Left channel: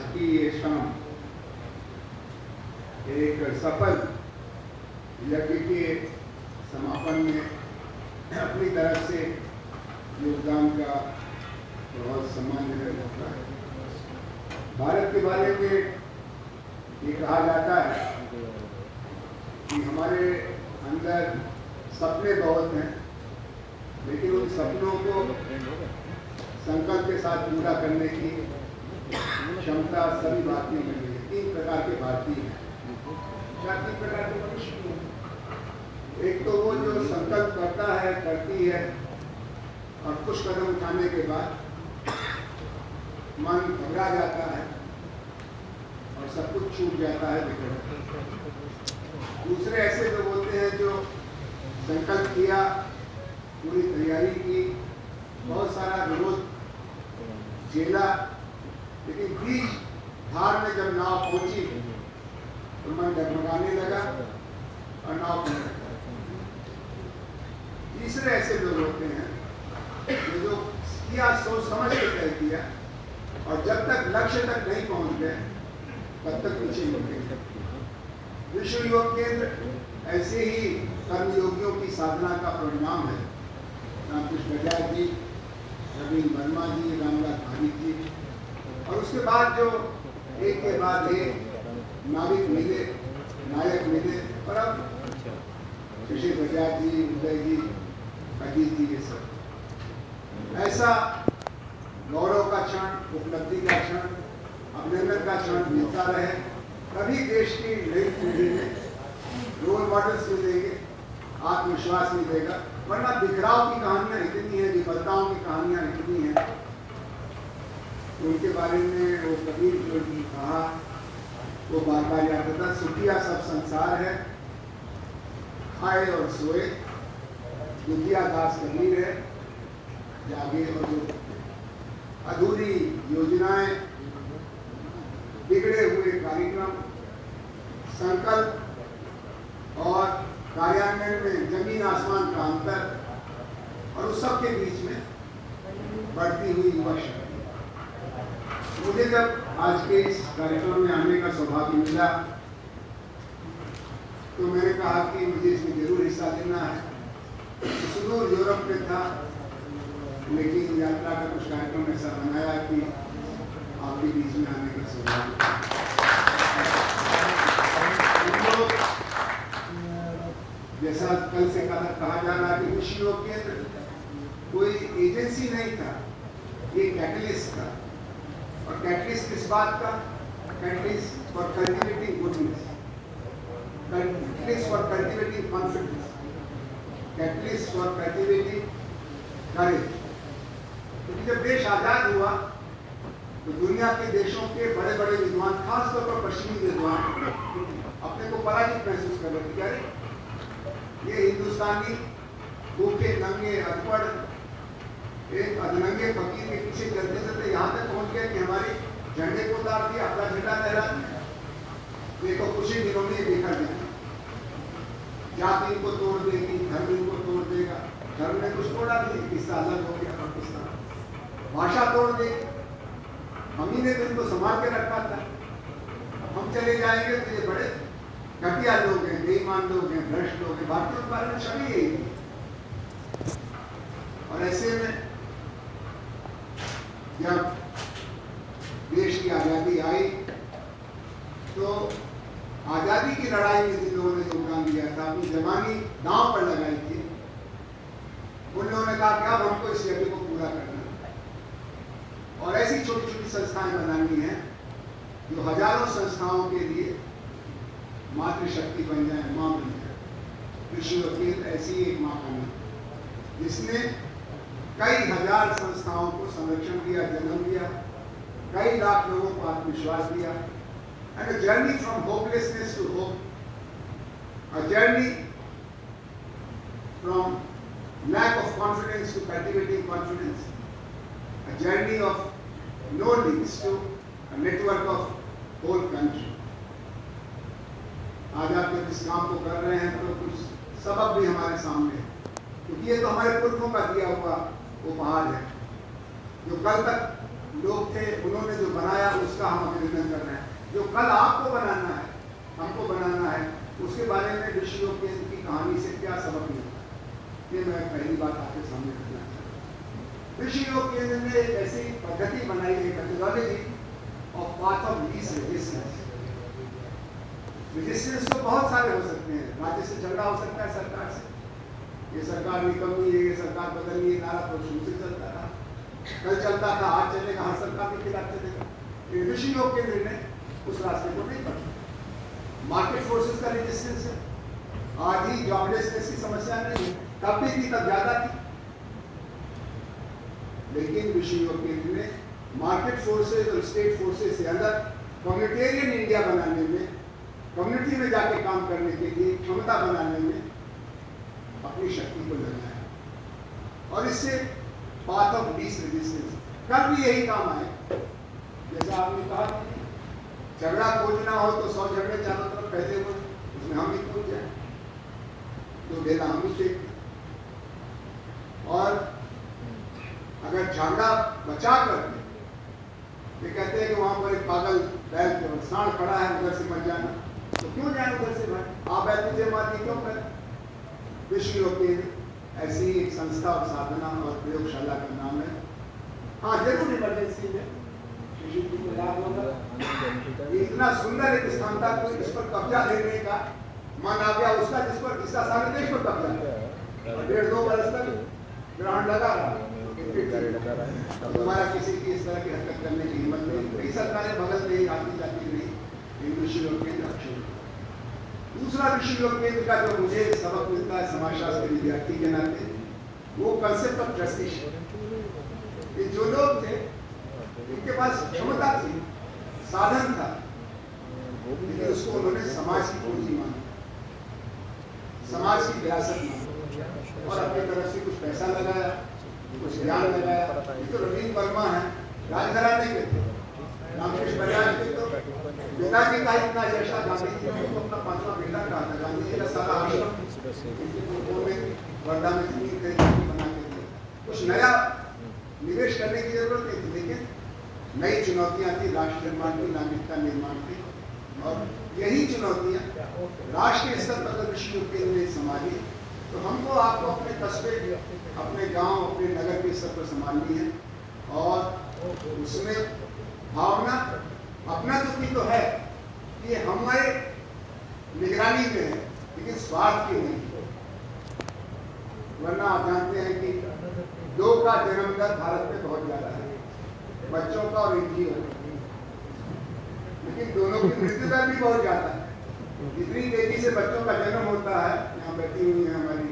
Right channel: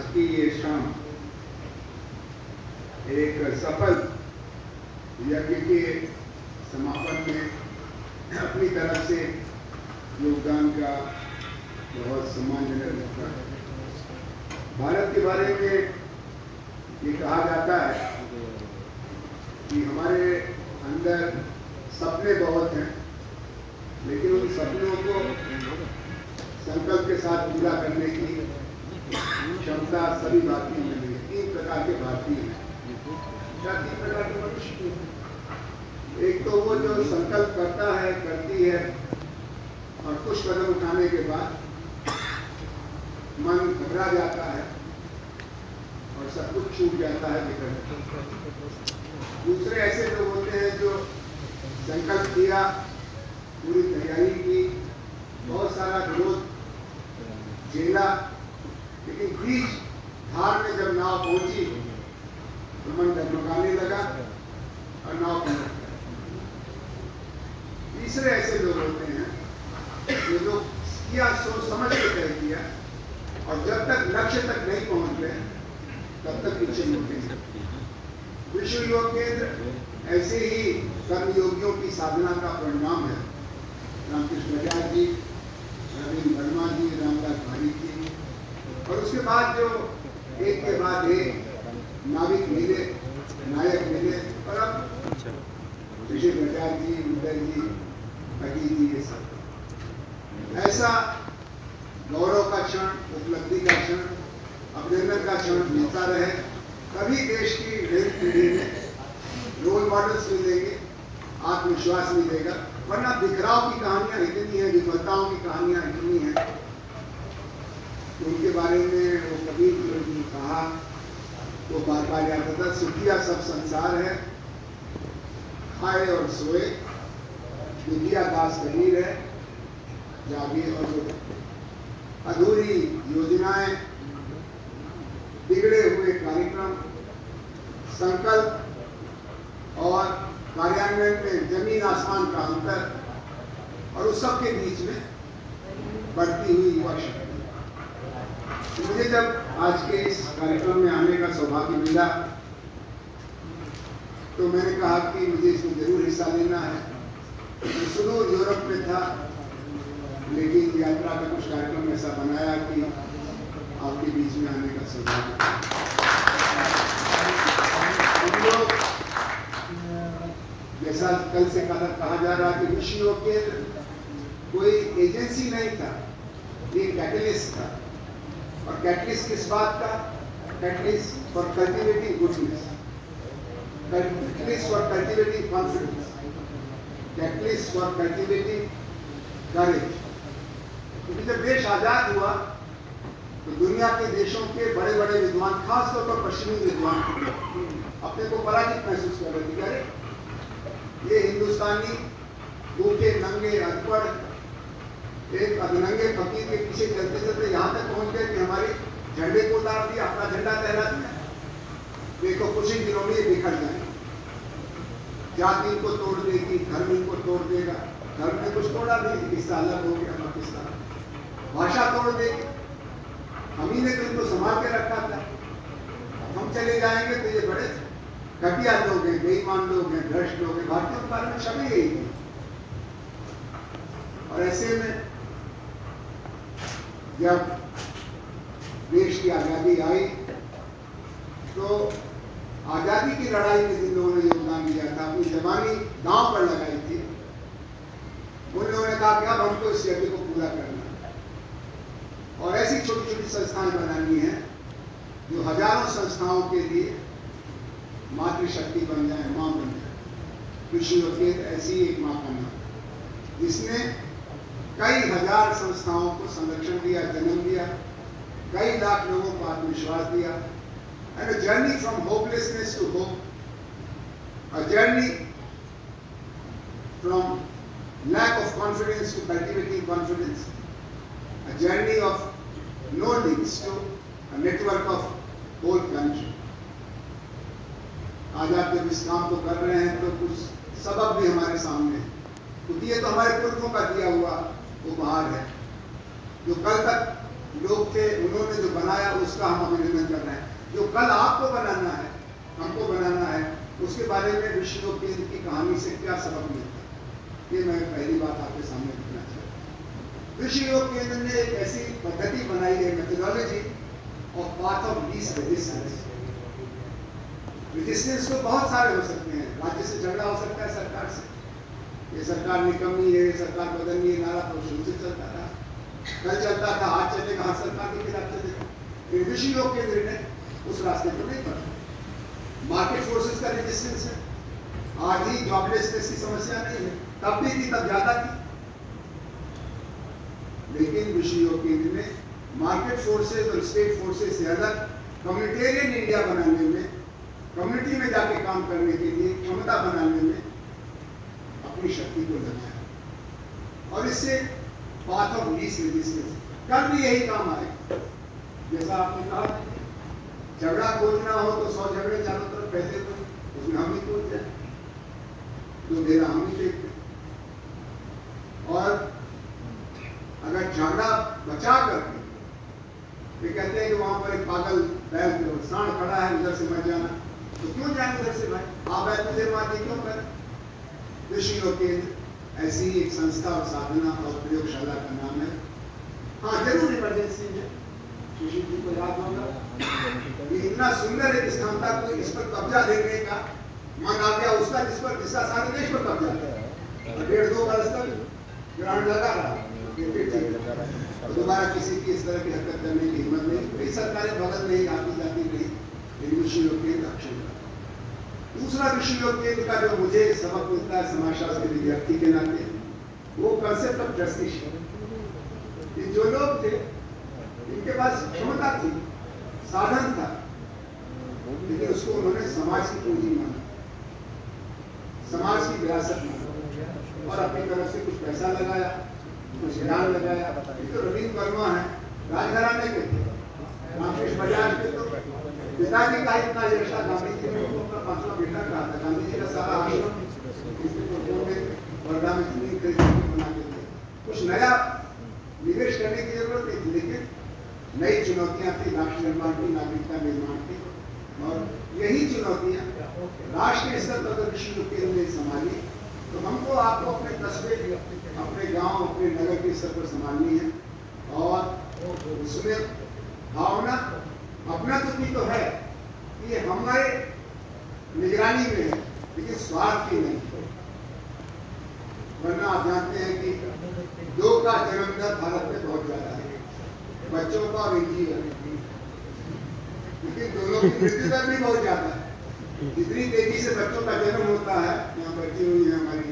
आज की ये शाम एक सफल यज्ञ के समापन में अपनी तरफ से योगदान का बहुत सम्मानजनक होता है। भारत के बारे में ये कहा जाता है कि हमारे अंदर सपने बहुत हैं, लेकिन उन सपनों को संकल्प के साथ पूरा करने की क्षमता सभी भारतीयों में है। 3 प्रकार के भारतीय हैं। क्या 3 प्रकार के मनुष्य? एक तो वो जो संकल्प करता है, करती है, और कुछ कदम उठाने के बाद मन घबरा जाता है और सब कुछ छूट जाता है, बिगड़। दूसरे ऐसे लोग होते हैं जो संकल्प किया, पूरी तैयारी की, बहुत सारा विरोध झेला, लेकिन बीच धार में जब नाव पहुंची तो मन डगमगाने लगा और नाव पलट गई। तीसरे ऐसे लोग होते हैं जो किया सोच समझ के कर दिया, और जब तक लक्ष्य तक नहीं पहुंच गए तब तक पीछे मुड़ गए। विश्व योग केंद्र ऐसे ही कर्मयोगियों की साधना का परिणाम है। रामकृष्ण आचार्य जी, नवीन वर्मा जी, रामदास भारिक जी, और उसके बाद जो एक के बाद एक नाविक मिले, नायक मिले, और अब ऋषि आचार्य जी, उदय जी, अजीत जी, ये सब ऐसा गौरव का क्षण, उपलब्धि का क्षण, अभिनंदन का क्षण मिलता रहे, तभी देश की नई पीढ़ी में रोल मॉडल्स मिलेंगे, आत्मविश्वास मिलेगा। वरना बिखराव की कहानियां इतनी है, विफलताओं की कहानियां इतनी हैं, उनके बारे में वो कबीर ने कहा, वो बार बार याद आता, सुखिया सब संसार है, खाए और सोए, दुखिया दास कबीर है, जागे और सोए। अधूरी योजनाएं, बिगड़े हुए कार्यक्रम, संकल्प और कार्यान्वयन में जमीन आसमान का अंतर, और उस सब के बीच में बढ़ती हुई युवा शक्ति। मुझे जब आज के इस कार्यक्रम में आने का सौभाग्य मिला तो मैंने कहा कि मुझे इसमें जरूर हिस्सा लेना है। सुदूर यूरोप में था, लेकिन यात्रा का कुछ कार्यक्रम ऐसा बनाया कि आपके बीच में आने का सौभाग्य। जैसा कल से कहा जा रहा कि विश्व योग केंद्र कोई एजेंसी नहीं था, ये कैटलिस्ट था। और कैटलिस्ट किस बात का? Catalyst for cultivating goodness, catalyst for cultivating confidence, catalyst for cultivating courage. क्योंकि जब देश आजाद हुआ तो दुनिया के देशों के बड़े बड़े विद्वान, खासतौर पर पश्चिमी विद्वान, अपने को पराजित महसूस कर रहे थे। अरे ये हिंदुस्तानी भूखे नंगे अनपढ़ एक अधनंगे फकीर के पीछे चलते चलते यहाँ तक पहुंच गए कि हमारे झंडे को उतार दिया, अपना झंडा लहरा दिया। देखो कुछ ही दिनों में बिखर जाएंगे, जाति को तोड़ देगी, धर्म को तोड़ देगा, धर्म ने कुछ तोड़ा नहीं, किस्सा अलग हो गया, पाकिस्तान भाषा तोड़ देगी। हम ही ने तो इनको संभाल के रखा था, अब हम चले जाएंगे तो ये बड़े घटिया लोग हैं, बेईमान लोग हैं, भ्रष्ट लोग हैं। भारतीयों के बारे में सभी यही है। और ऐसे में जब देश की आजादी आई तो आजादी की लड़ाई में जिन लोगों ने योगदान दिया था, अपनी जवानी दांव पर लगाई थी, उन लोगों ने कहा कि अब हमको इस यज्ञ को पूरा करना है। और ऐसी छोटी छोटी संस्थाएं बनानी है जो हजारों संस्थाओं के लिए मातृशक्ति बन जाए, मां बन जाए। विश्व योग केंद्र ऐसी एक मां बनी जिसने कई हजार संस्थाओं को संरक्षण दिया, जन्म दिया, कई लाख लोगों को आत्मविश्वास दिया। And a journey from hopelessness to hope, a journey from lack of confidence to cultivating confidence, a journey of no links to a network of whole country. आज आप जब इस काम को कर रहे हैं तो कुछ सबक भी हमारे सामने है, क्योंकि ये तो हमारे पुरखों का दिया हुआ उपहार है। जो कल तक लोग थे, उन्होंने जो बनाया उसका हम अभिनंदन जो कल आपको बनाना है, हमको बनाना है, उसके बारे में विश्व योग केंद्र की कहानी से क्या सबक मिलता है, ये मैं पहली बात आपके सामने रखना चाहता हूँ। विश्व योग केंद्र ने एक ऐसी पद्धति बनाई है, methodology of path of least resistance. Resistance तो बहुत सारे हो सकते हैं, राज्य से झगड़ा हो सकता है सरकार से, ये सरकार निकम्मी है, ये सरकार बदलनी है, नारा तो शुरू से चलता था, कल चलता था, आज चलेगा, हर सरकार के खिलाफ चलेगा। विश्व योग केंद्र ने उस रास्ते को नहीं पकड़ा। मार्केट फोर्सेस का रेजिस्टेंस है, आज ही जॉबलेसनेस की समस्या नहीं है, तब भी थी, तब ज्यादा थी। लेकिन विश्व योग केंद्र ने मार्केट फोर्सेस और स्टेट फोर्सेस से अलग कम्युनिटेरियन इंडिया बनाने में, कम्युनिटी में जाके काम करने के लिए क्षमता बनाने में अपनी शक्ति को लगाया, और इससे पाथ ऑफ लीस्ट रेजिस्टेंस कल भी यही काम आए। जैसा आपने कहा, झगड़ा खोजना हो तो 100 झगड़े चारों तरफ फैले हुए, उसमें हम ही खोज जाए, तो ढेला हम ही फेंक, और अगर झगड़ा बचा कर ये कहते हैं कि वहां पर एक पागल बैल सांड खड़ा है, उधर से मत जाना, तो क्यों जाए उधर से भाई, आप बैल तुझे मारती क्यों कर। विश्व योग केंद्र ऐसी एक संस्था और साधना और प्रयोगशाला का नाम है। हाँ, जरूर इमरजेंसी में सुशील जी को याद होगा, ये इतना सुंदर एक स्थान था, तो इस पर कब्जा लेने का मन आ गया उसका, जिसका सारे देश पर कब्जा था, और 1.5-2 बरस तक ग्रहण लगा रहा, दोबारा किसी की इस तरह की हरकत करने की हिम्मत नहीं। कई सरकारें बगल में ही आती जाती नहीं, विश्व योग केंद्र अक्षुण। दूसरा विश्व योग केंद्र का जो मुझे सबक मिलता है समाजशास्त्र के विद्यार्थी के नाते, वो कंसेप्ट ऑफ जस्टिस। जो लोग थे, इनके पास क्षमता थी, साधन था, लेकिन उसको उन्होंने समाज की पूंजी माना, समाज की विरासत माना, और अपनी तरफ से कुछ पैसा लगाया, कुछ ज्ञान लगाया। ये तो रविंद्र वर्मा है, राजघराने के थे, रामकृष्ण बजाज के तो पिताजी का इतना यश था, गांधी जी ने उनको अपना 5वां बेटा कहा था। गांधी जी का सारा आश्रम वर्धा में जमीन खरीद बनाते थे। कुछ नया निवेश करने की जरूरत नहीं थी, लेकिन नई चुनौतियां थी, राष्ट्र निर्माण की, नागरिकता निर्माण की, और यही चुनौतियां राष्ट्रीय स्तर पर विश्व योग केंद्र ने संभाली। तो हमको आपको अपने कस्बे, अपने गांव, अपने नगर के स्तर पर संभालनी है, और उसमें भावना अपना तो है, ये हमारे निगरानी में है, लेकिन स्वार्थ की नहीं। वरना आप जानते हैं कि 2 का जन्म दर भारत में बहुत ज्यादा है, बच्चों का और एनजीओ का, लेकिन दोनों की मृत्यु दर भी बहुत ज्यादा है। जितनी तेजी से बच्चों का जन्म होता है, यहाँ बैठी हुई है हमारी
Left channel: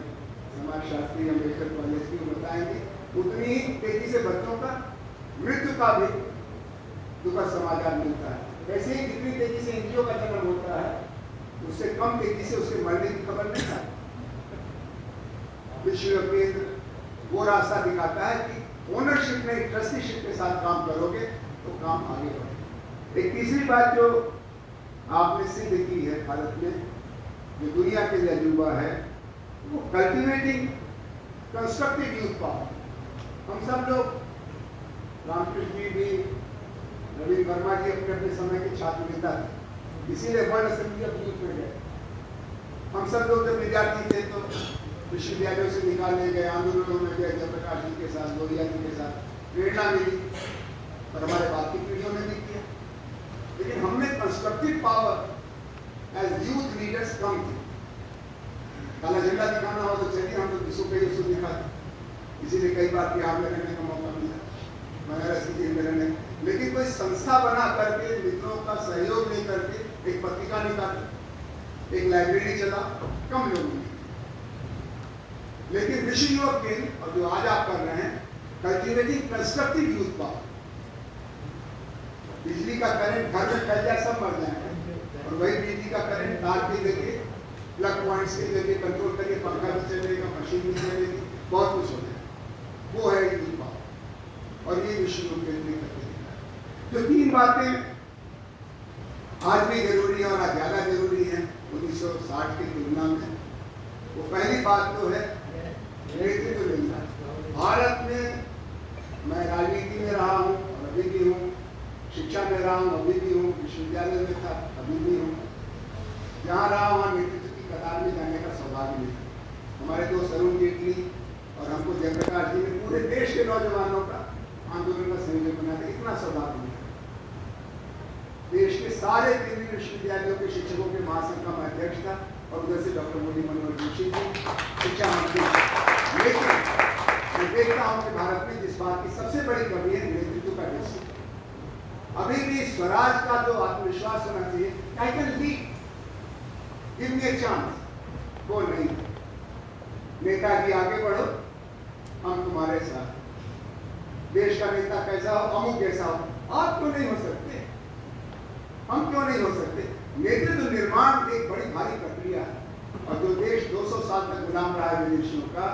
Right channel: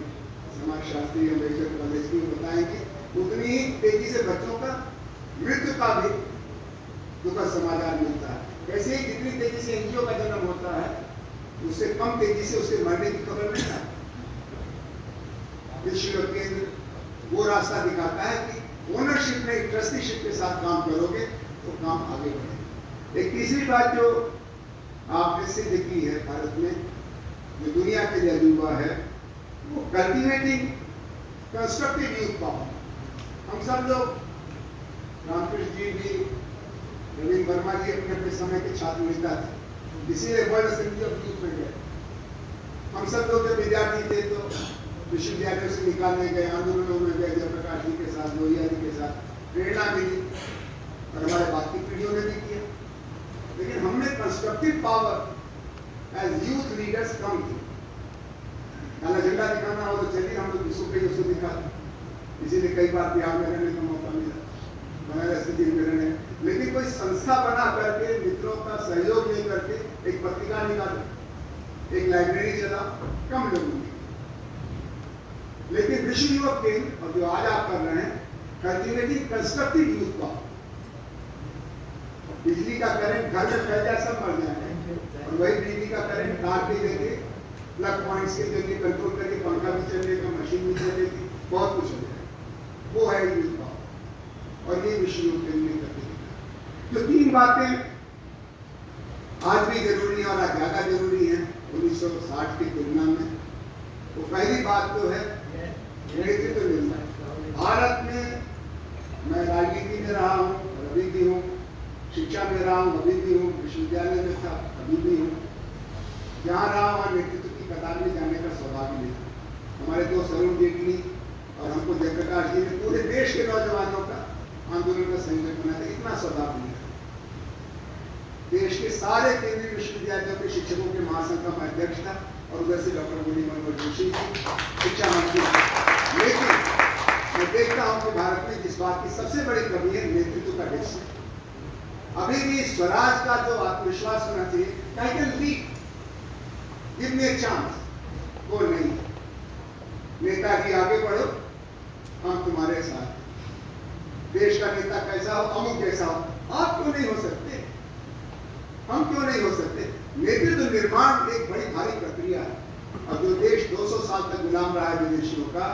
समाजशास्त्री अम्बेडकर कॉलेज की, वो बताएंगे, उतनी ही तेजी से बच्चों का मृत्यु का भी दुखद समाचार मिलता है। वैसे ही जितनी तेजी से एनजीओ का जन्म होता है, उससे कम तेजी से उसके मरने की खबर नहीं आती। विश्व योग केंद्र वो रास्ता दिखाता है कि ओनरशिप में, ट्रस्टीशिप के साथ काम करोगे तो काम आगे बढ़ेगा। एक तीसरी बात जो आपने सिद्ध की है भारत में, जो दुनिया के लिए अजूबा है, वो कल्टिवेटिंग कंस्ट्रक्टिव यूथ पावर। हम सब लोग, रामकृष्ण जी भी, रविंद्र वर्मा जी अपने अपने समय के छात्र नेता थे, इसीलिए वर्ल्ड असेंबली ऑफ यूथ में गए। हम सब लोग जब विद्यार्थी थे तो विश्वविद्यालयों से निकालने गए, आंदोलनों में गए, जयप्रकाश जी के साथ, लोहिया जी के साथ, प्रेरणा मिली, और हमारे बाप की पीढ़ियों ने भी किया। लेकिन हमने constructive power as youth leaders कम की। काला झंडा दिखाना हो तो चलिए हम लोग किसको कहीं उसको दिखाते, इसीलिए कई बार बिहार में रहने का मौका मिला, बनारस की जेल में रहने। लेकिन कोई संस्था बना करके, मित्रों का सहयोग नहीं करके, एक पत्रिका निकाली, एक लाइब्रेरी चला, कम लोगों ने। लेकिन विश्व योग केंद्र, और जो आज आप कर रहे हैं, कल्टिवेटिंग कंस्ट्रक्टिव यूथ पावर। बिजली का करंट घर में फैल जाए, सब मर जाएंगे, और वही बिजली का करंट तार के जरिए, प्लग पॉइंट्स के जरिए कंट्रोल करके पंखा भी चलेगा, मशीन भी चलेगी, बहुत कुछ हो जाएगा। वो है यूथ पावर, और ये विश्व योग केंद्र में करते हैं। जो 3 बातें आज भी जरूरी है और आज ज्यादा जरूरी है 1960 की तुलना में, तो पहली बात तो है नेतृत्व मिलना। भारत में, मैं राजनीति में रहा हूँ, अभी भी हूँ, शिक्षा में रहा हूँ, अभी भी हूँ, विश्वविद्यालय में था, अभी भी हूँ। जहाँ रहा वहाँ नेतृत्व की कतार में जाने का सौभाग्य मिला। हमारे दोस्त अरुण जेटली और हमको जयप्रकाश जी ने पूरे देश के नौजवानों का आंदोलन का संयोजन बना था, इतना सौभाग्य मिला। देश के सारे केंद्रीय विश्वविद्यालयों के शिक्षकों के महासंघ का मैं अध्यक्ष था और उधर से डॉक्टर मुरली मनोहर जोशी जी शिक्षा मंत्री। लेकिन मैं देखता हूँ कि भारत में जिस बात की सबसे बड़ी कमी है नेतृत्व का डेफिसिट। अभी भी स्वराज का जो आत्मविश्वास होना चाहिए, I can lead, give me a chance, वो नहीं। नेताजी आगे बढ़ो, हम तुम्हारे साथ। देश का नेता कैसा हो, अमुक जैसा हो, आप क्यों नहीं हो सकते, हम क्यों नहीं हो सकते? नेतृत्व निर्माण एक बड़ी भारी प्रक्रिया है और जो देश 200 साल तक गुलाम रहा है विदेशियों का,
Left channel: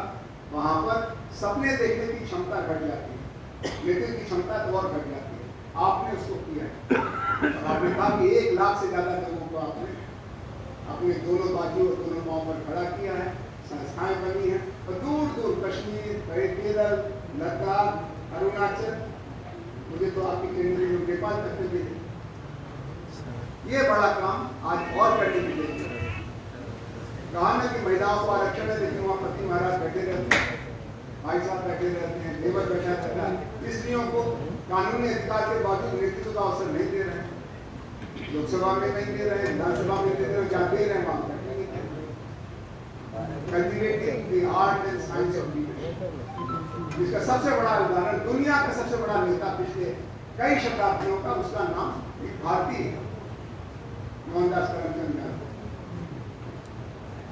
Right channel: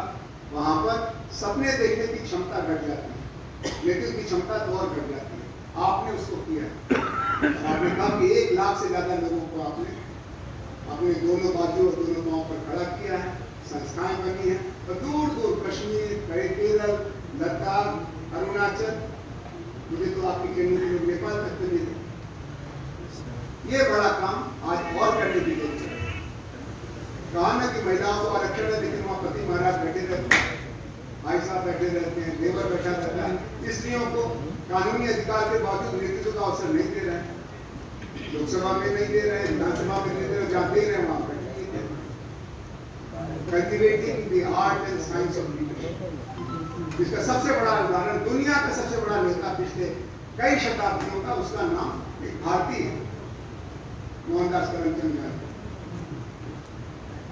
वहां पर सपने देखने की क्षमता घट जाती है, नेतृत्व की क्षमता तो और घट जाती है। आपने उसको किया, आपने कहा कि 1 लाख से ज्यादा लोगों को आपने अपने दोनों बाजू और दोनों पांव पर खड़ा किया है, संस्थाएं बनी है और दूर दूर कश्मीर, केरल, लद्दाख, अरुणाचल, मुझे तो आपकी केंद्रीय में नेपाल तक के देखे। ये बड़ा काम आज और करने की जरूरत है। कहा ना कि महिलाओं को आरक्षण है, लेकिन वहाँ पति महाराज बैठे रहते हैं, भाई साहब बैठे रहते हैं, लेबर बैठा रहता है। स्त्रियों को कानूनी अधिकार के बावजूद नेतृत्व का अवसर नहीं दे रहे हैं, लोकसभा में नहीं दे रहे हैं, विधानसभा में नहीं दे रहे, जहाँ दे रहे हैं वहाँ cultivating the art and science of leadership. इसका सबसे बड़ा उदाहरण, दुनिया का सबसे बड़ा नेता पिछले कई शताब्दियों का, उसका नाम एक भारतीय मोहनदास करमचंद गांधी।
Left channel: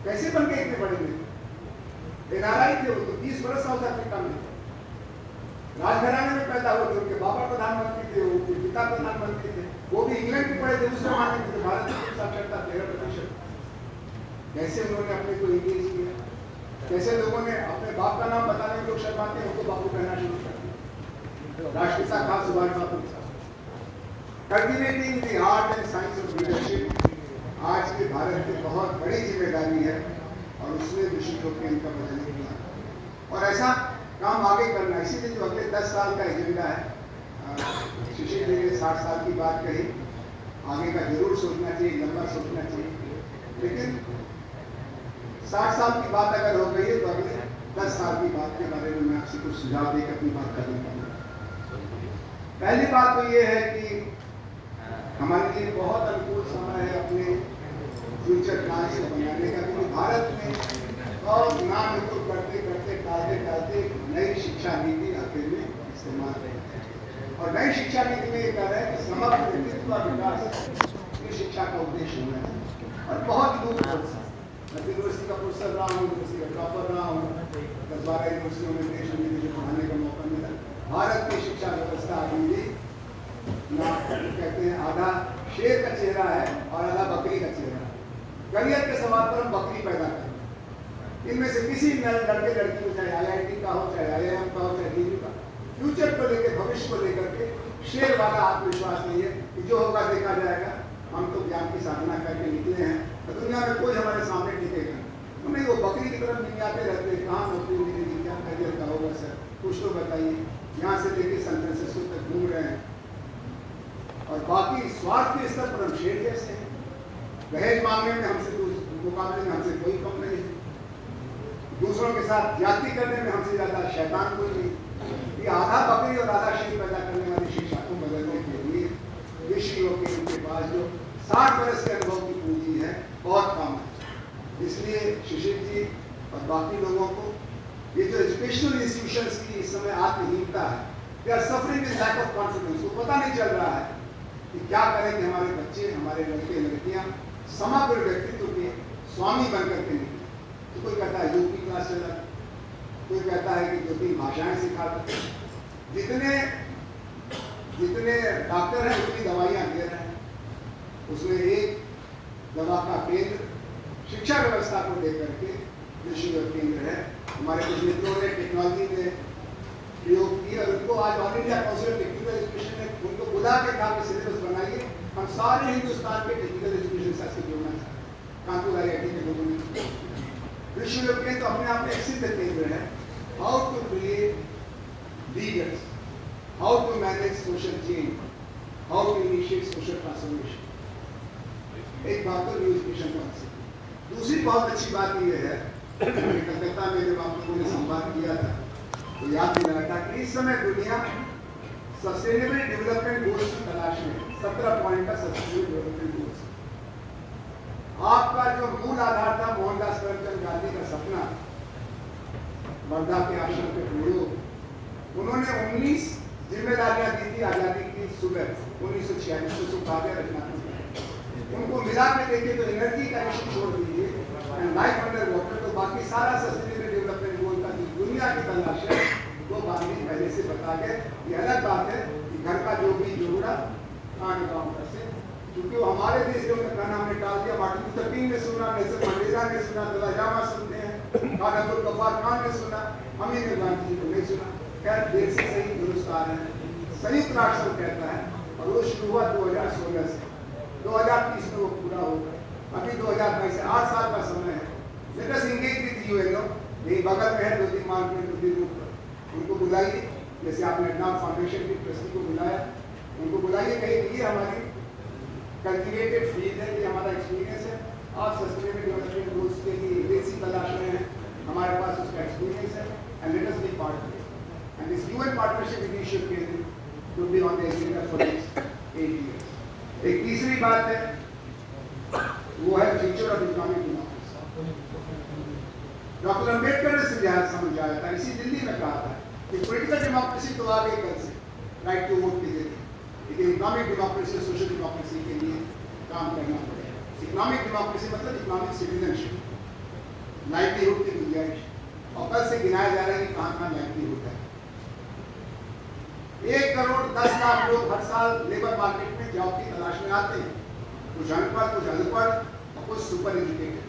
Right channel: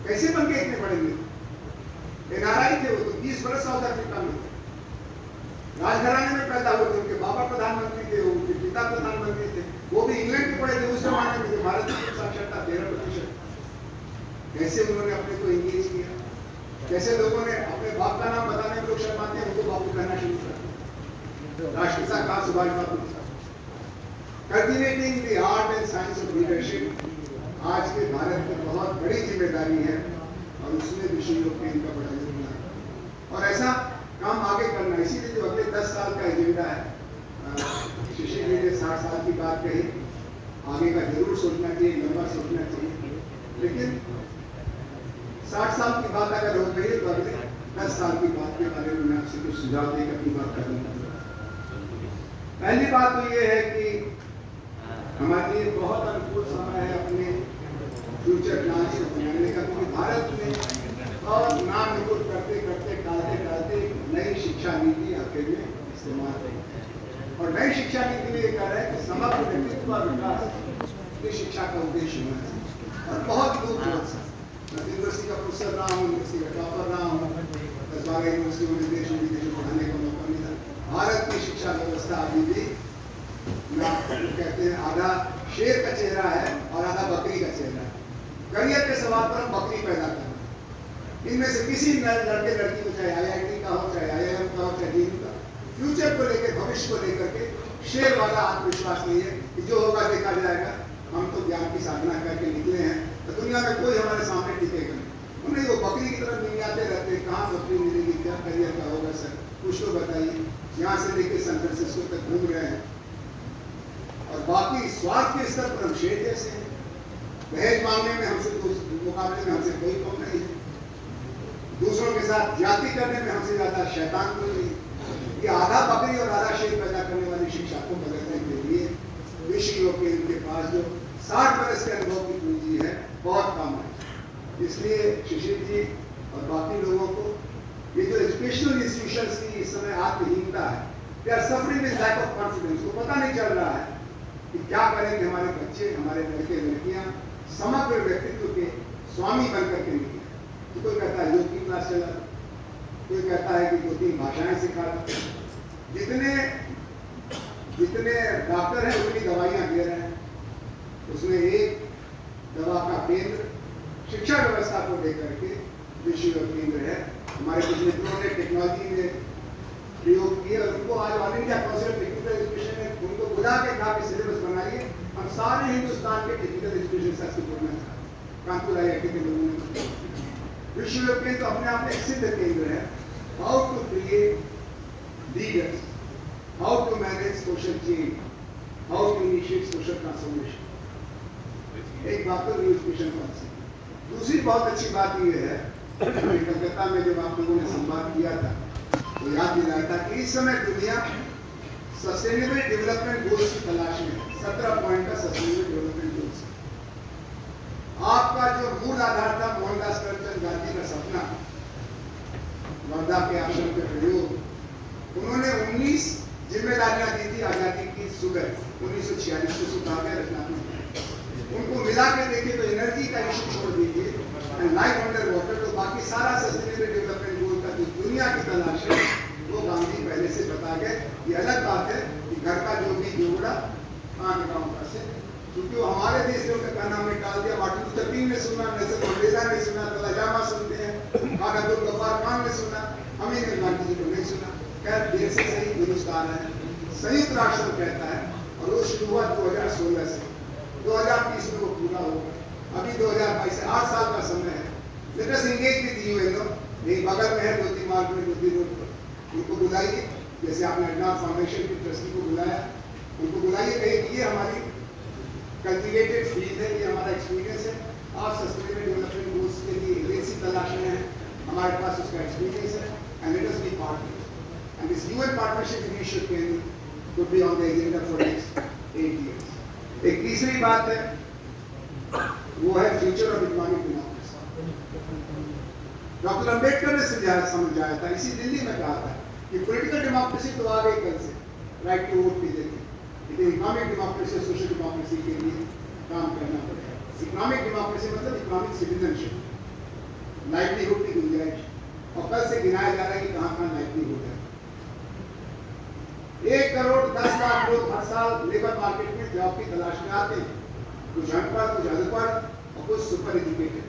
कैसे बन के इतने बड़े नेता? एनआरआई थे वो तो, 20 बरस साउथ अफ्रीका में थे, राजघराने में पैदा हुए थे, उनके बाबा प्रधानमंत्री थे, उनके पिता प्रधानमंत्री थे, वो भी इंग्लैंड के पढ़े थे, उस जमाने में थे। भारत की साक्षरता 13%। कैसे उन्होंने अपने को एंगेज किया, कैसे लोगों ने अपने बाप का नाम बताने में लोग शर्माते हैं, उनको बापू कहना शुरू कर दिया। राष्ट्रपिता कहा Subhash Babu. Cultivating the art and science of leadership आज के भारत की बहुत बड़ी जिम्मेदारी है और उसमें विश्व यूरोपियन का बड़ा योगदान है और ऐसा काम आगे करना। इसीलिए जो अगले 10 साल का एजेंडा है, शिशिर जी ने 60 साल की बात कही, आगे का जरूर सोचना चाहिए, लंबा सोचना चाहिए, लेकिन 60 साल की बात अगर हो गई है तो अगले 10 साल की बात के बारे में मैं आपसे कुछ सुझाव देकर अपनी बात करना चाहूँगा। पहली बात तो ये है कि हमारे लिए बहुत अनुकूल समय है अपने फ्यूचर प्लान से बनाने का, क्योंकि भारत में बहुत नाम निकुल करते करते टालते नई शिक्षा नीति आखिर में इस्तेमाल है और नई शिक्षा नीति में ये कह रहा है कि समग्र नेतृत्व का विकास ये शिक्षा का उद्देश्य होना है और बहुत दूर मैं यूनिवर्सिटी का प्रोफेसर रहा हूँ, यूनिवर्सिटी का टॉपर रहा हूँ, 10-12 यूनिवर्सिटियों में देश विदेश पढ़ाने का मौका मिला। भारत की शिक्षा व्यवस्था अभी भी ना कहते हैं आधा शेर का चेहरा है और आधा बकरी का चेहरा है। करियर के सवाल पर हम बकरी पैदा कर रहे हैं। इनमें से किसी लड़के लड़की को, चाहे IIT का हो, चाहे IIM का हो, चाहे DU का, फ्यूचर को लेकर, भविष्य को लेकर के शेर वाला आत्मविश्वास नहीं है कि जो होगा देखा जाएगा, हम तो ज्ञान की साधना करके निकले हैं तो दुनिया में कोई हमारे सामने टिकेगा नहीं। वो बकरी की तरफ निकालते रहते हैं, कहाँ नौकरी मिलेगी, क्या करियर का होगा सर, कुछ तो बताइए। यहाँ से लेके सैन फ्रांसिस्को तक घूम रहे हैं और बाकी स्वार्थ के स्तर पर हम शेर जैसे हैं। दहेज मांगने में हमसे मुकाबले में हमसे कोई कम नहीं है, दूसरों के साथ जाति करने में हमसे ज्यादा शैतान कोई नहीं। ये आधा बकरी और आधा शेर पैदा करने वाली शिक्षा को बदलने के लिए विश्व यूरोपियन के पास जो 60 बरस के अनुभव की पूंजी है बहुत कम है। इसलिए शिशिर जी और बाकी लोगों को ये जो एजुकेशनल इंस्टीट्यूशंस की इस समय आत्महीनता है, they are suffering with lack of confidence. को पता नहीं चल रहा है कि क्या करेंगे हमारे बच्चे, हमारे लड़के लड़कियां समग्र व्यक्तित्व के स्वामी बनकर के निकले। तो कोई कहता है योग की क्लास चला, कोई कहता है कि 2-3 भाषाएं सिखा रहा। जितने डॉक्टर हैं उतनी दवाइयां दे रहे हैं। उसमें एक दवा का केंद्र शिक्षा व्यवस्था को लेकर के विश्व केंद्र है। हमारे कुछ मित्रों ने टेक्नोलॉजी में प्रयोग किया, उनको आज all India council of technical education ने उनको बुला के कहा कि सिलेबस बनाइए, हम सारे हिंदुस्तान के टेक्निकल एजुकेशन से इसको जोड़ना चाहते हैं। कानपुर IIT के लोगों ने विश्व केंद्र तो अपने आप में एक सिद्ध केंद्र है। How to create leaders, how to manage social change, how initiate social transformation. एक बात तो एजुकेशन पॉलिसी। दूसरी बहुत अच्छी बात यह है, कलकत्ता में जब आप लोगों ने संवाद किया था तो याद दिलाया था कि इस समय दुनिया सस्टेनेबल डेवलपमेंट गोल्स की तलाश में है। 17 पॉइंट का सस्टेनेबल डेवलपमेंट गोल्स। आपका जो मूल आधार था मोहनदास करमचंद गांधी का सपना, वर्धा के आश्रम के प्रयोग, उन्होंने 19 जिम्मेदारियां दी थी आजादी की सुबह 1946 को सुधार रचनात्मक। उनको मिला के देखे तो एनर्जी का इशू छोड़ दीजिए एंड लाइफ अंडर वाटर, तो बाकी सारा सस्टेनेबल डेवलपमेंट गोल का जो दुनिया की तलाश है वो गांधी पहले से बता गए। ये अलग बात है कि घर का जो भी जोड़ा कहाँ के गाँव का से, क्योंकि वो हमारे देश में उनका नाम ने डाल दिया। मार्टिन लूथर किंग ने सुना, नेल्सन मंडेला ने सुना, दलाई लामा सुनते हैं, खान अब्दुल गफ्फार खान ने सुना, हमें गांधी जी को नहीं सुना। खैर देर से सही दुरुस्त आ रहे हैं। संयुक्त राष्ट्र कहता है और वो शुरू हुआ 2016 से, 2030 में वो पूरा होगा। अभी 2022 से 8 साल का समय है। Let us engage with UNO, यही बगल में है ज्योति मार्ग में, ज्योति रोड पर, उनको बुलाइए। जैसे आपने नाथ फाउंडेशन की ट्रस्टी को बुलाया, उनको बुलाइए, कहिए ये हमारी कल्टिवेटेड फील्ड है, ये हमारा एक्सपीरियंस है। आप सस्टेनेबल डेवलपमेंट गोल्स के लिए एजेंसी तलाश में है, हमारे पास उसका एक्सपीरियंस है and let us B partner and this UN partnership initiative could be on the agenda for next 8 years. एक तीसरी बात है, वो है future of economic democracy. Doctor Ambedkar ने समझाया था, इसी दिल्ली में कहा था कि पॉलिटिकल डेमोक्रेसी तो आ गई कल से, राइट टू वोट के लिए, लेकिन इकोनॉमिक डेमोक्रेसी, सोशल डेमोक्रेसी के लिए काम करना पड़ेगा। इकोनॉमिक डेमोक्रेसी मतलब इकोनॉमिक सिटीजनशिप, लाइवलीहुड की गुंजाइश, और कल से गिनाया जा रहा है कि कहाँ कहाँ लाइवलीहुड है। 1 करोड़ 10 लाख लोग हर साल लेबर मार्केट में जॉब की तलाश में आते हैं, कुछ अनपढ़, कुछ अनपढ़ और कुछ सुपर एजुकेटेड,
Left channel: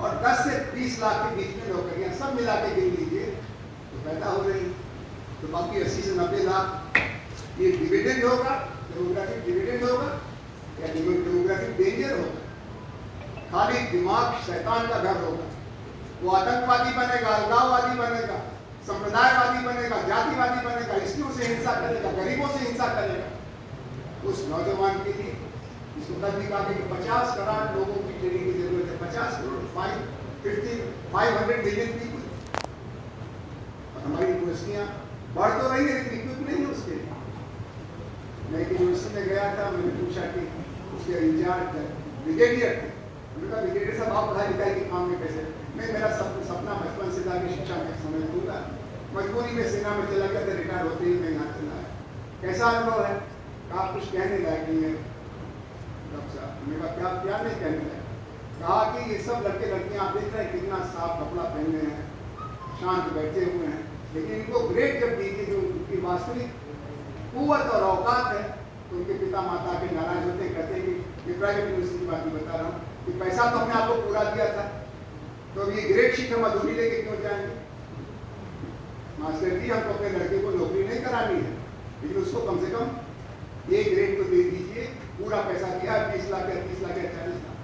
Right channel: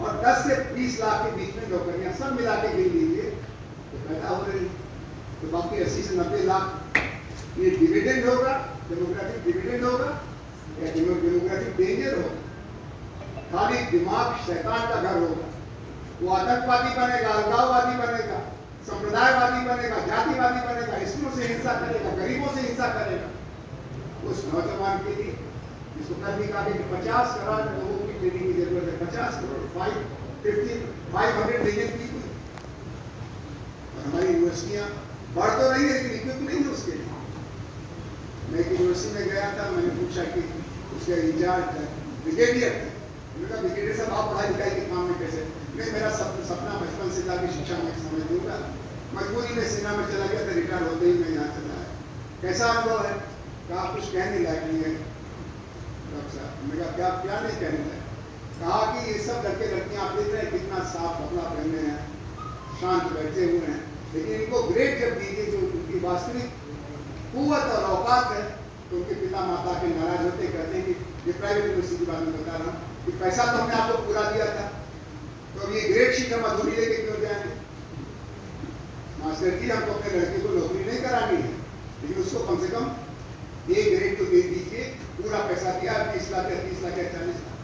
और 10 से 20 लाख के बीच में नौकरियां सब मिला के गिन लीजिए तो पैदा हो रही। तो बाकी 80 से 90 लाख ये डिविडेंड होगा, डेमोग्राफिक डिविडेंड होगा या डेमोग्राफिक डेंजर होगा। खाली दिमाग शैतान का घर होगा, वो आतंकवादी बनेगा, अलगाववादी बनेगा, संप्रदायवादी बनेगा, जातिवादी बनेगा, इसलियों से हिंसा करेगा, गरीबों से हिंसा करेगा। उस नौजवान के लिए जिसको कल भी कहा कि 50 करोड़ लोगों की ट्रेनिंग की जरूरत है, 50 करोड़ 500 मिलियन पीपल। और हमारी यूनिवर्सिटियां बढ़ तो रही है लेकिन इक्विप नहीं है उसके लिए। मैं एक यूनिवर्सिटी में गया था, मैंने पूछा कि उसके इंचार्ज ब्रिगेडियर थे, उन्होंने कहा ब्रिगेडियर साहब आप पढ़ाई लिखाई के काम में कैसे? मैं मेरा सपना बचपन से था कि शिक्षा में समझ लूंगा, मजबूरी में सेना में चला गया था, रिटायर होते ही मैं यहाँ चला आया। कैसा अनुभव है? कहा कुछ कहने लायक नहीं है डॉक्टर साहब। मैंने कहा क्या नहीं कहने लायक? कहा कि ये सब लड़के लड़कियाँ आप देख रहे हैं कितना साफ कपड़ा पहने हैं, शांत बैठे हुए हैं, लेकिन इनको ग्रेड जब दीजिए जो उनकी वास्तविक कुव्वत और औकात है तो उनके पिता माता के नाराज होते, कहते हैं कि ये प्राइवेट यूनिवर्सिटी की बात मैं बता रहा हूँ कि पैसा तो हमने आपको पूरा दिया था, तो अब ये ग्रेड शीट हम अधूरी लेके क्यों जाएंगे? मास्टर जी हमको अपने लड़के को नौकरी नहीं करानी है, लेकिन उसको कम से कम A ग्रेड तो दे दीजिए, पूरा पैसा दिया 20 लाख या 30 लाख या 40 लाख।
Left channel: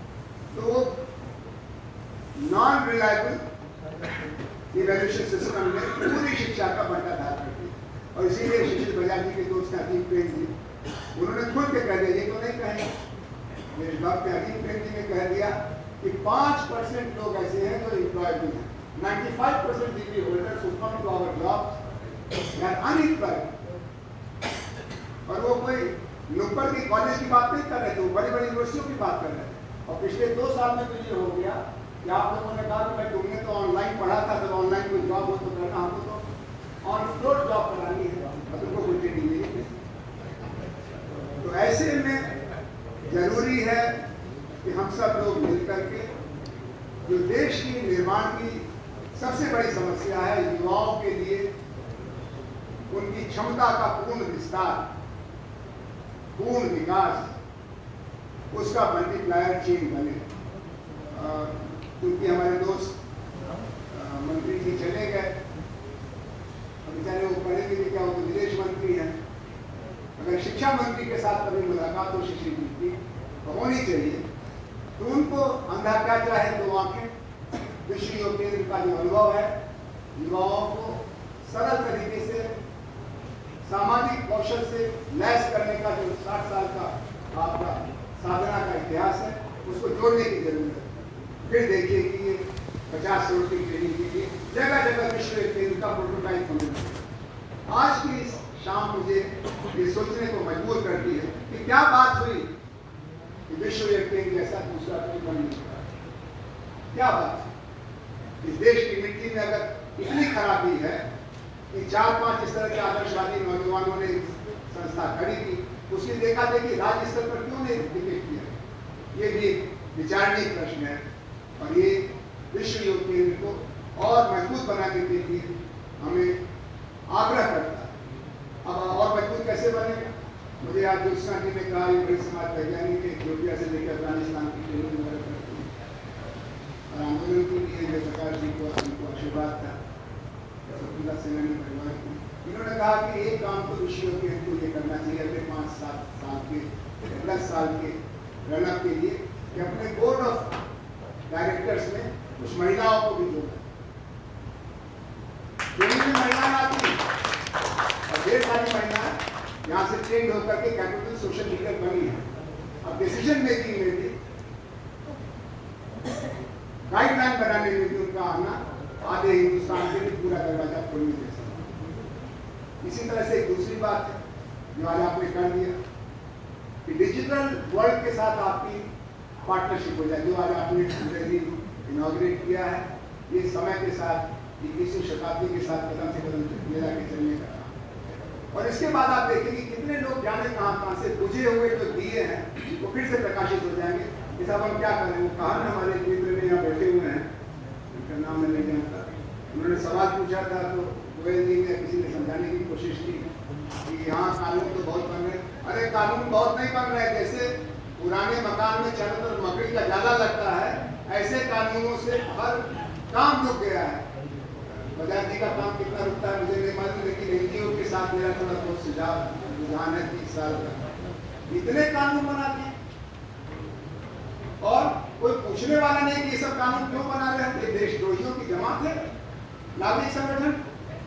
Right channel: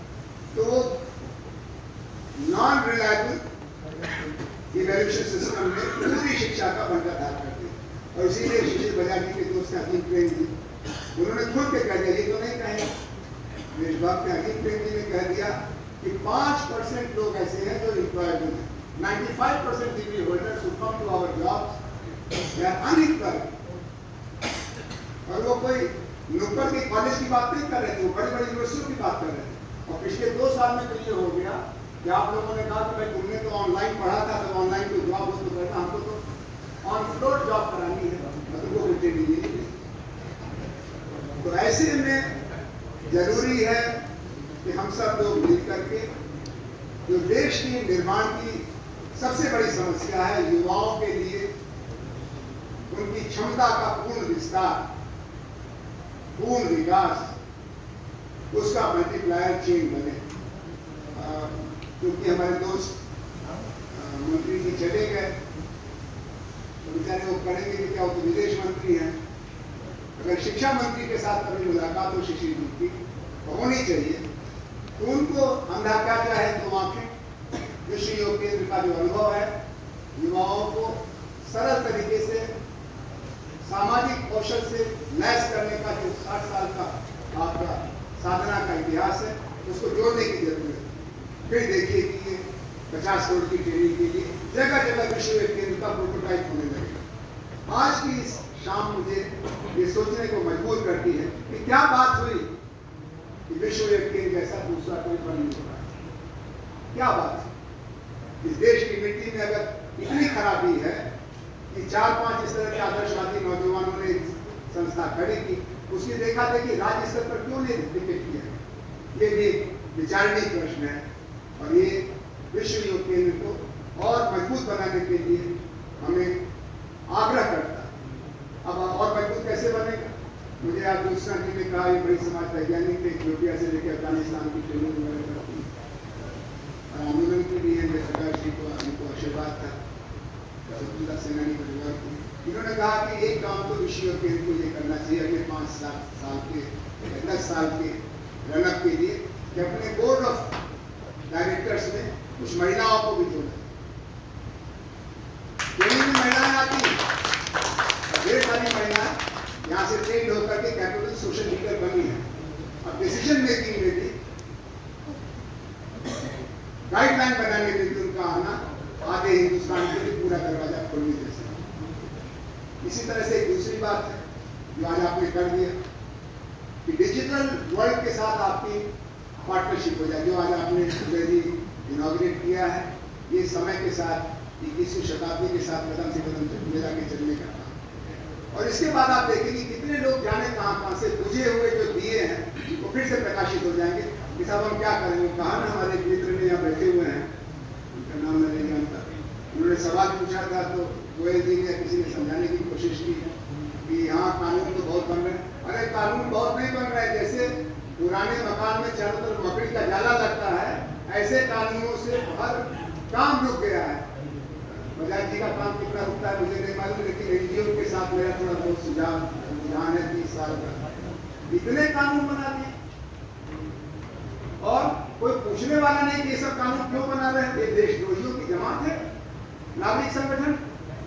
तो वो नॉन रिलायबल इवैल्यूएशन सिस्टम ने पूरी शिक्षा का बंटाधार कर दिया। और इसीलिए शिशिर बजाज जी के दोस्त अजीम प्रेम जी, उन्होंने खुल के कह दिया, ये तो नहीं कहेंगे, मेरे डॉक्टर अजीम प्रेम जी ने कह दिया कि 5% लोग ऐसे हैं जो एम्प्लॉयड हैं, 95% degree holders who come to our jobs they are unemployed। और वो कोई लोकल की कॉलेज की बात नहीं कर रहे थे, वो बड़ी बड़ी यूनिवर्सिटियों की बात कर रहे थे। और पिछले 2 साल में तो ये हो गया कि आप लोगों ने कहा कि भाई तुमने तो ऑनलाइन पढ़ा था, तो ऑनलाइन कोई जॉब हो तो करना, हमको तो ऑन फ्लोर जॉब करानी है और तुमको कोई ट्रेनिंग नहीं है। तो ऐसे में जरूरी है कि हम सब लोग मिल करके जो देश की निर्माण की सबसे बड़ी समस्या है युवाओं के लिए उनकी क्षमता का पूर्ण विस्तार, पूर्ण विकास, उसका मल्टीप्लायर चेन बने। क्योंकि हमारे दोस्त मंत्री जी चले गए, बेचारे वो करेंगे कि क्या, वो तो विदेश मंत्री हैं। अगर शिक्षा मंत्री के साथ कभी मुलाकात हो शिक्षक जी की तो होनी चाहिए, तो उनको अंधा क्या चाहे तो आंखें कृषि योग केंद्र का जो अनुभव है युवाओं को सरल तरीके से सामाजिक कौशल से लैस करने का जो 60 साल का आपका साधना का इतिहास है, उसको जोड़ने की जरूरत है। फिर देखिए कि ये 50 करोड़ की ट्रेनिंग के लिए जगह जगह विश्व केंद्र का प्रोटोटाइप होने लगे। आज की इस शाम मुझे ये सोचने को मजबूर करती है कि क्या बात हुई कि विश्व केंद्र जैसा दूसरा कोई बन नहीं रहा। क्या बात है? इस देश की मिट्टी में अगर इतनी खराबी है कि 4-5 इस तरह के आदर्शवादी नौजवानों ने संस्था खड़ी की, उसकी देखा देखी राज्य स्तर पर क्यों नहीं टिकट किया? ये भी विचारणीय प्रश्न है और ये विश्व योग केंद्र को और मजबूत बनाने के लिए हमें आग्रह करता है। अब और मजबूत कैसे बनेगा? मुझे आज दूसरा जी ने कहा, बड़ी समाज वैज्ञानिक थे, इथियोपिया से लेकर अफगानिस्तान की ट्रेनिंग और आंदोलन के लिए मेरे सरकार जी को उनको आशीर्वाद था, स्वतंत्रता सेनानी परिवार को। इन्होंने कहा कि एक काम तो विश्व योग केंद्र को ये करना चाहिए अगले 5-7 साल के 10 साल के रनअप के लिए कि अपने बोर्ड ऑफ डायरेक्टर्स में कुछ महिलाओं को भी जोड़ा। ट्रेनिंग में महिलाएं आती हैं और ढेर सारी महिलाएं यहाँ से ट्रेंड होकर के कैपिटल सोशल लीडर बनी है। अब डिसीजन मेकिंग में भी गाइडलाइन बनाने में भी उनका आना आधे हिंदुस्तान के लिए पूरा दरवाजा खोलने जैसा। इसी तरह से एक दूसरी बात है जो आज आपने कर दिया कि डिजिटल वर्ल्ड के साथ आपकी पार्टनरशिप हो जाए, जो आज आपने इनॉग्रेट किया है। ये समय के साथ 21वीं शताब्दी के साथ कदम से कदम मेरा के चलने का काम। और इसके बाद आप देखेंगे कितने लोग जाने कहाँ से बुझे हुए जो दिए हैं वो फिर से प्रकाशित हो जाएंगे कि साहब हम क्या करें। वो कहा ना, हमारे एक मित्र ने यहाँ बैठे हुए हैं, उनका नाम मैं नहीं जानता, उन्होंने सवाल पूछा था तो गोयल जी ने किसी ने समझाने की कोशिश की कि यहाँ कानून तो बहुत बन रहे हैं। अरे कानून बहुत नहीं बन रहे हैं, जैसे पुराने मकान में चारों तरफ मकड़ी का जाला लगता है, ऐसे कानूनों से हर काम रुक गया है। बजाज जी का काम कितना रुकता है मुझे नहीं मालूम, लेकिन एनजीओ के साथ मेरा थोड़ा बहुत सुझाव रुझान है 30 साल का। इतने कानून बना दिए और कोई पूछने वाला नहीं कि ये सब कानून क्यों बना रहे हैं। ये देशद्रोहियों की जमात है, नागरिक संगठन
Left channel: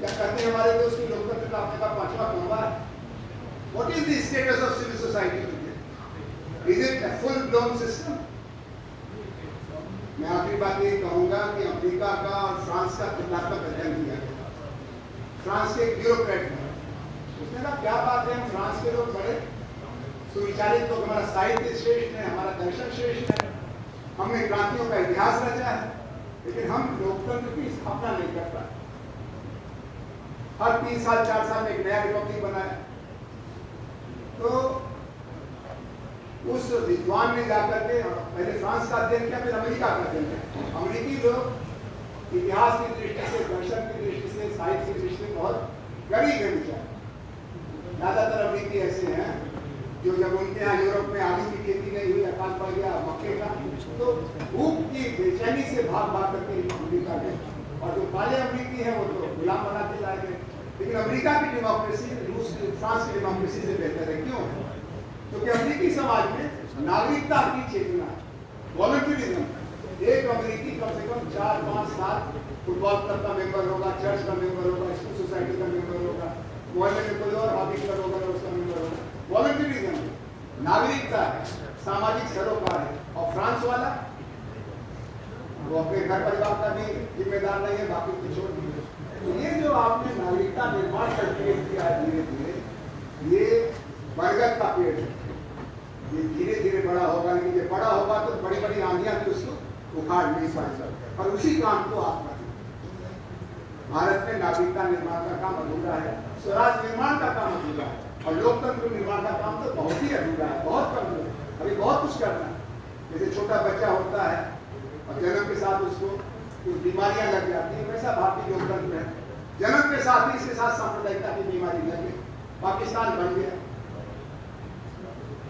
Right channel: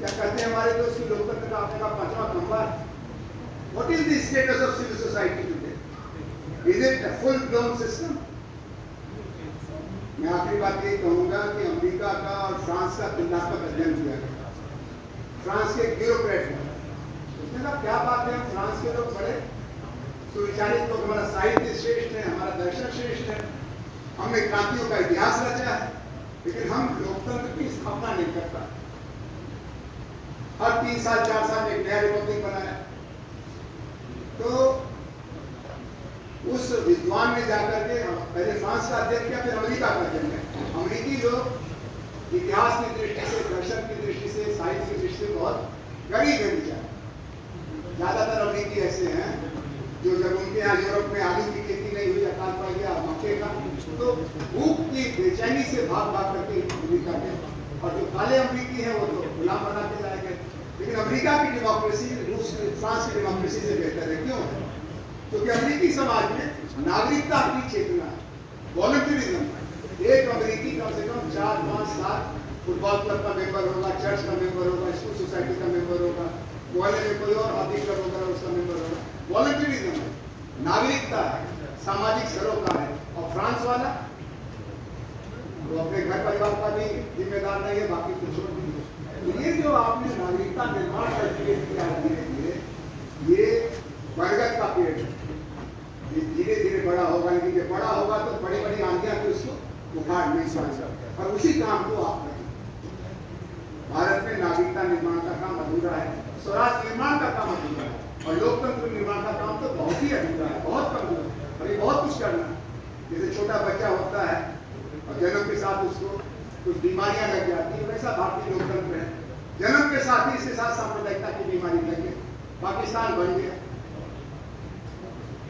या कहते हैं हमारे दोस्त की लोकतंत्र का आपका 5वां खंभा है। What is the status of civil society today? Is it a full blown system? मैं आखिरी बात ये कहूंगा कि अमेरिका का और फ्रांस का तुलनात्मक अध्ययन किया गया। फ्रांस के ब्यूरोक्रेट ने उसने कहा क्या बात है, फ्रांस के लोग बड़े सुविचारित लोग, हमारा साहित्य श्रेष्ठ है, हमारा दर्शन श्रेष्ठ है, हमने क्रांतियों का इतिहास रचा है, लेकिन हम लोकतंत्र की स्थापना नहीं कर पाए। हर 3 साल 4 साल एक नया रिपब्लिक बनाया। तो उस विद्वान ने जाकर के पहले फ्रांस का अध्ययन किया, फिर अमेरिका का अध्ययन किया। अमेरिकी लोग इतिहास की दृष्टि से, दर्शन की दृष्टि से, साहित्य की दृष्टि से बहुत गरीब है विचार। ज्यादातर अमेरिकी ऐसे हैं जो जब उनके यहाँ यूरोप में आलू की खेती नहीं हुई, अकाल पड़ गया मक्के का, तो भूख की बेचैनी से भाग भाग करके अमेरिका गए। और जो काले अमेरिकी हैं वो तो गुलाम बना के जाए गए। लेकिन अमेरिका की डेमोक्रेसी रूस की, फ्रांस की डेमोक्रेसी से बेहतर है। क्यों? क्योंकि अमेरिकी समाज में नागरिकता की चेतना, वॉलंटियरिज्म। एक अमेरिकी कम से कम 4-5 साल फुटबॉल क्लब का मेंबर होगा, चर्च का मेंबर होगा, स्कूल सोसाइटी का मेंबर होगा, मोहल्ले में कोई और हॉबी क्लब होगा उसका मेंबर होगा। वॉलंटियरिज्म है, नागरिकता है, सामाजिक सरोकार है। और फ्रांस वाला वो अपने घर परिवार का भी जिम्मेदार नहीं है, बाकी को छोड़ दीजिए। तो ये जो आपने नागरिकता निर्माण करके किया है धीरे धीरे, ये बरगद का पेड़ है, ये धीरे धीरे बड़ा होगा। लेकिन ये बड़ा होगा तो बड़ी बड़ी आंधियां भी उसको उखाड़ नहीं सकती। और उसी काम को आप करें। भारत में नागरिकता निर्माण का काम अधूरा है, स्वराज निर्माण का काम अधूरा है, और लोकतंत्र निर्माण का काम तो बहुत ही अधूरा है, बहुत कमजोर। अभी बहुत कुछ करना है। जैसे छोटा बच्चा होता है और जन्म के साथ उसको कुछ बीमारियां लग जाती है, वैसा भारतीय लोकतंत्र है। जन्म के साथ ही इसके साथ सांप्रदायिकता की बीमारी लगी, पाकिस्तान बन गया।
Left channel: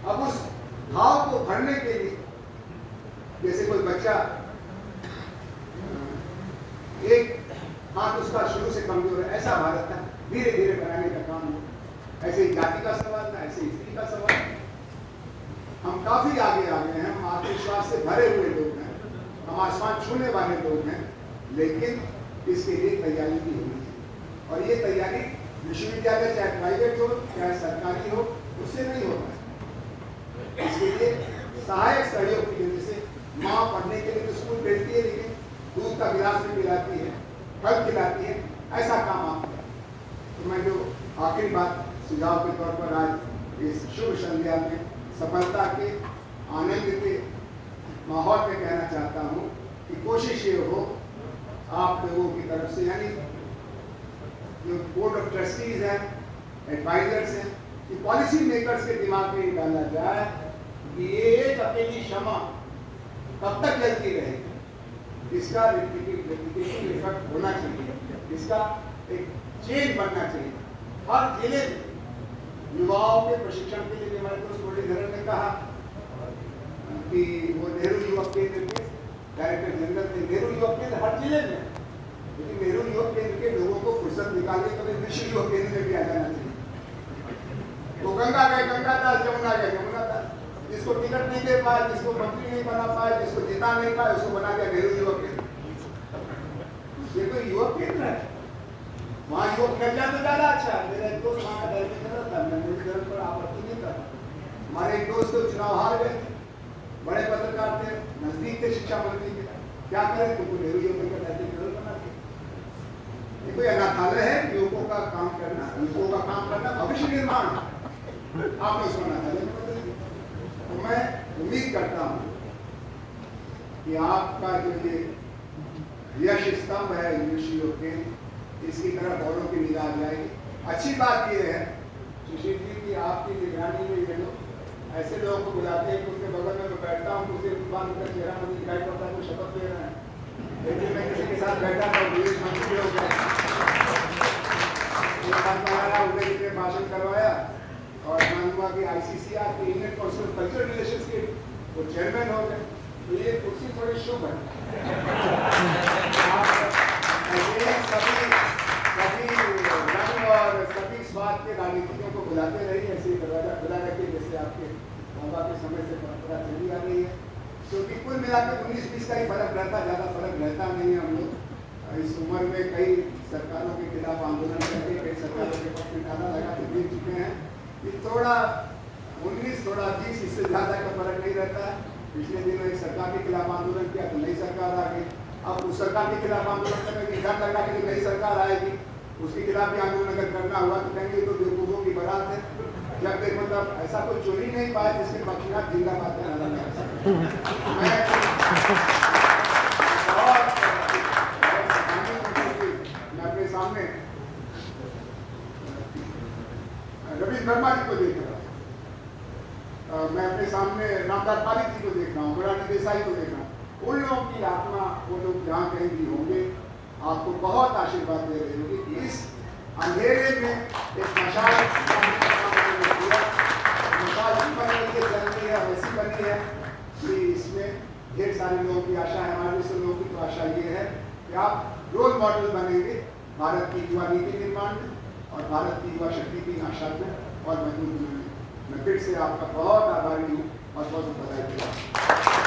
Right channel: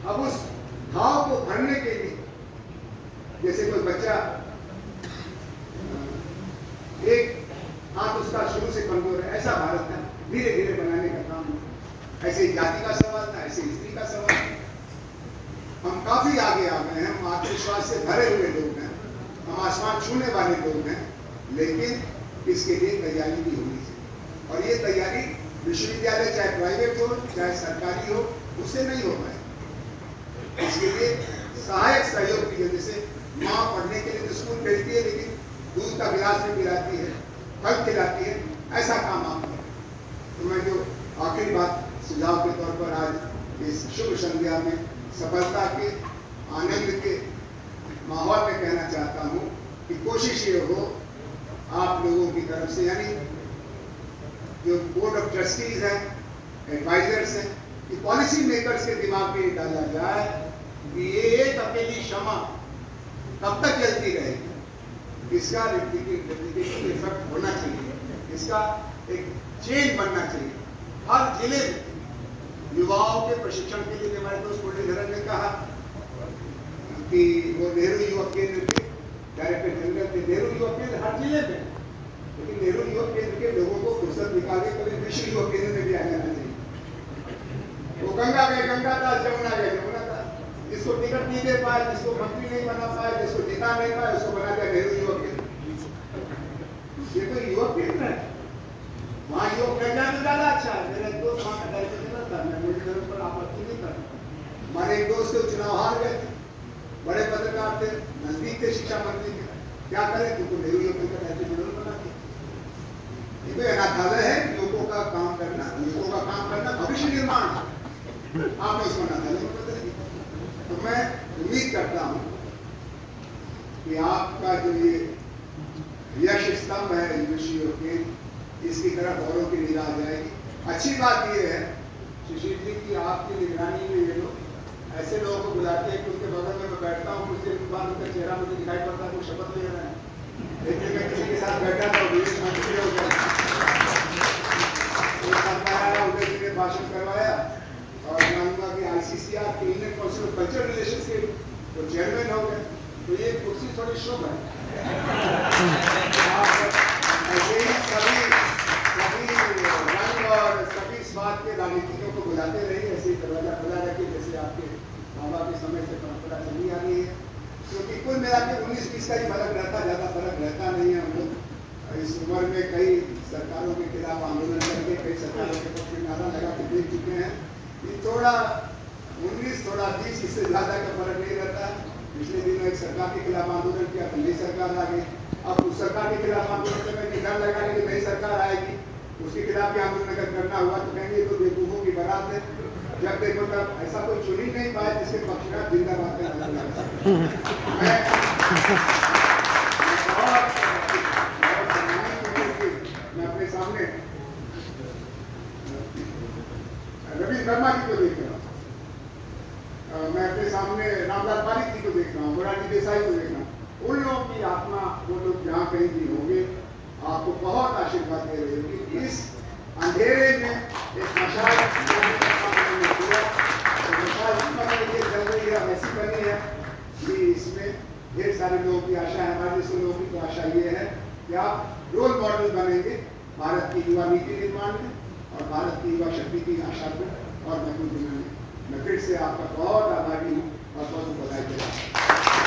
अब उस घाव को भरने के लिए, जैसे कोई बच्चा एक हाथ उसका शुरू से कमजोर है, ऐसा भारत का धीरे धीरे बनाने का काम है। ऐसे जाति का सवाल था, ऐसे स्त्री का सवाल था। हम काफी आगे आ गए हैं, हम आत्मविश्वास से भरे हुए लोग हैं, हम आसमान छूने वाले लोग हैं, लेकिन इसके लिए तैयारी भी होनी चाहिए। और ये तैयारी विश्वविद्यालय चाहे प्राइवेट हो चाहे सरकारी हो, उससे नहीं हो पाए। इसके लिए सहायक सहयोग की, जैसे माँ पढ़ने के लिए तो स्कूल भेजती है, लेकिन दूध का गिलास भी पिलाती है, फल खिलाती है, ऐसा काम आप करें। तो मैं जो आखिरी बात सुझाव के तौर पर आज इस शुभ संध्या में सफलता के आनंद के माहौल में कहना चाहता हूँ कि कोशिश ये हो आप लोगों की तरफ से, यानी जो बोर्ड ऑफ ट्रस्टीज हैं, एडवाइजर्स हैं, कि पॉलिसी मेकर्स के दिमाग में डाला जाए कि ये एक अकेली क्षमा कब तक चलती रहेगी, इसका रिप्लिकेशन इफेक्ट होना चाहिए, इसका एक चेंज बनना चाहिए हर जिले में। युवाओं के प्रशिक्षण के लिए हमारे दोस्त मुरलीधरन ने कहा कि वो नेहरू युवक केंद्र के डायरेक्टर जनरल थे। नेहरू युवक केंद्र हर जिले में, लेकिन नेहरू युवक केंद्र के लोगों को फुर्सत निकालने के लिए विश्व युवक केंद्र में भी आ जाना चाहिए। वो गंगा गए गंगा दास, जमुना गए जमुना दास, जिसको टिकट नहीं दे पाए, जिसको मंत्री नहीं बना पाए, जिसको जिता नहीं पाए, उसको बना दिया नेहरू युवक केंद्र। ये तो युवक केंद्र है, वहाँ युवक प्रज्ञा तो ज्यादा अच्छा है। मेरा एक दोस्त वहाँ का डायरेक्टर जनरल था, मैं मुरलीधरन पर आपत्ति नहीं करता। हमारे एक दोस्त तो चुनाव हार गए थे, बड़े पत्रकार थे, नजदीक थे शिक्षा मंत्री के, क्या करें, तुमको नेहरू युवक केंद्र डायरेक्टर जनरल बना दिया। ये कोई अनाथालय है, युवकों का काम करना, युवकों का काम करना भविष्य निर्माण, आपने उसको अनाथालय में बदल दिया। तो मैं उम्मीद करता हूँ कि आपका जो ये यश स्तंभ है विश्व युवक केंद्र, इसकी तरफ औरों की निगाह जाएगी। अच्छी बात यह है शिशिर जी की आपकी निगरानी में ये लोग ऐसे लोगों को बुलाते हैं कि उनके बगल में मैं बैठता हूँ, कुछ देर बाद उनका चेहरा मुझे दिखाई पड़ता है, वो शपथ ले रहे हैं। लेकिन मैं किसी के साथ बैठा था, विदेश मंत्री हो गया, उदय जी ने भाषण करवाया और मैं हुआ कि ICCR के Indian council of cultural relations के वो चेयरमैन हो गए। तो ये कुर्सी थोड़ी शुभ है। रंग और सभी स्वाद के राजनीतिकों को बुलाते रहिए, ऐसे ही दरवाजा खुला रखिए जैसे आपके बाबा के समय से परंपरा चली आ रही है। क्योंकि कुल मिलाकर 19-20 का ही फर्क रहता, ज़्यादा फर्क रहता नहीं है। हम लोग इस उम्र में कई सरकारों के खिलाफ आंदोलन करके, कई सरकारों के पक्ष में नारा लगा के देख चुके हैं। ये थोड़ा 19, थोड़ा 20, इससे ज़्यादा का फर्क नहीं रहता है। पिछले दिनों एक सरकार के खिलाफ आंदोलन किया तो नई सरकार आ गई, अब उस सरकार के खिलाफ आंदोलन करने में डर लगा कि नई सरकार आएगी, उसके खिलाफ भी आंदोलन अगर करना हुआ तो कहेंगे तो बेवकूफों की बारात है। जब तक मतलब ऐसा कोई चुन ही नहीं पाया जिसके पक्षकार जिंदाबाद के नारा लगा सके। मैं अपने सामने रवीश वर्मा जी को देख रहा हूँ, मैं अपने सामने रामदास पारिक जी को देख रहा हूँ, मोरारजी देसाई को देख रहा हूँ। उन लोगों की आत्मा, वो लोग जहाँ कहीं भी होंगे, आपको बहुत आशीर्वाद दे रहे होंगे। इस अंधेरे में एक मशाल जल रही है, वैसी बनी है कि इसमें ढेर सारे लोगों की आशा है। हमारे जैसे लोगों की तो आशा ये है कि आप रोल मॉडल बनेंगे भारत की युवा नीति निर्माण में और भारत की युवा शक्ति की आशा को और मजबूत बनाने में। मैं फिर से आपका बहुत आभारी हूँ और बहुत बधाई देता हूँ।